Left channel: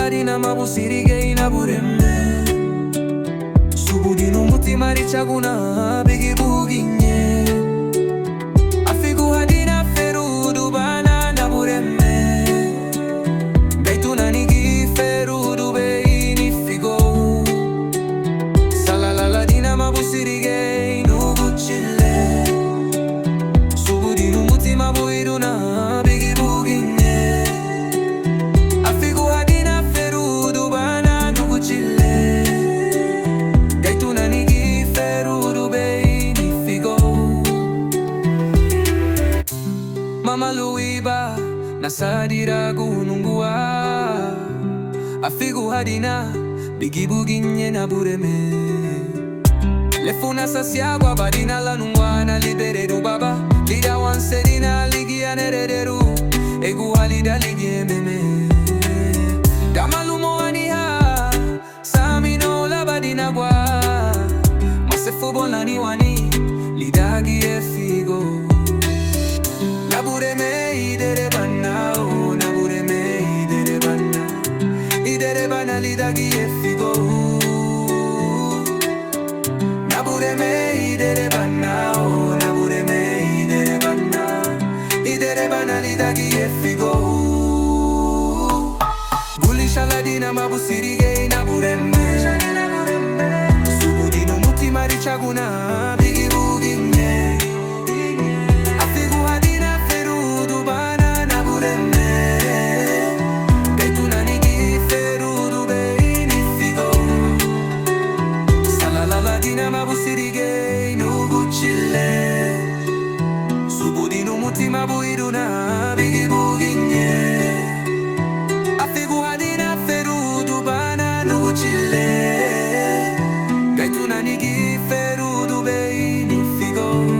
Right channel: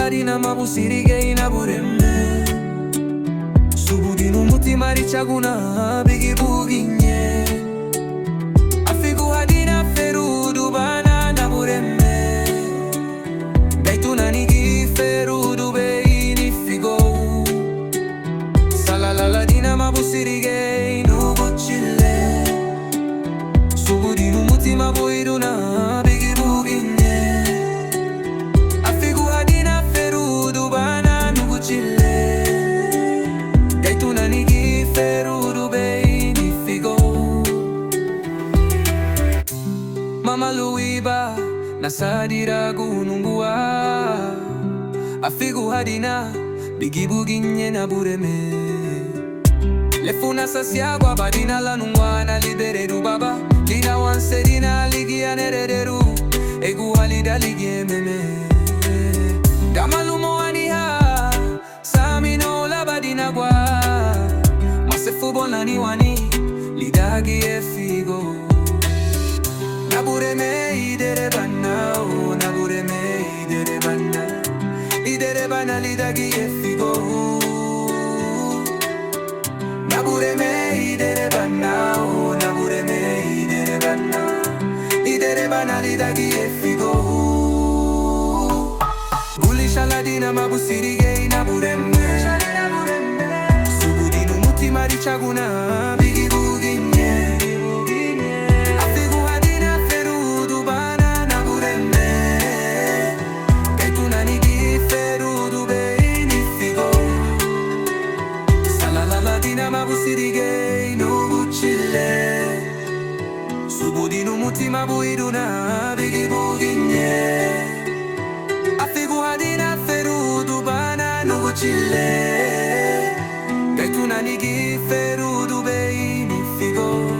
Afigouhadina mabusirige inabureme Subudinu mutima richaguna bigi buginye Afigouhadina ferudu bana nabureme Gaituna nigi ferudu beini figo Salaladina mabusirige inubuchile Subudinu mutima buiduna bigi buginye Afigouhadina ferudu bana nuguchile Gaituna nigi ferudu beini figo Mama luiba nasadira gunungua Afigouhadina bigi buginye na bureme Lefuna sasiagwa badina la nungwana libereru baba Lida wanserina ligia nerederu Egu halida ligie meme Damalumo aniha Samino la badina gwa Masefu bonani wani Lidagi e figo Nabureme idere bana o Nabureme idere bana Idere bana lidagi e figo Nabureme idere bana o Nabureme idere bana Idere bana lidagi e figo Gulishaladina mabusirige inabureme Subudinu mutima richaguna bigi buginye Afigouhadina ferudu bana nabureme Gaituna nigi ferudu beini figo Salaladina mabusirige inubuchile Subudinu mutima buiduna bigi buginye Afigouhadina ferudu bana nuguchile Gaituna nigi ferudu beini figo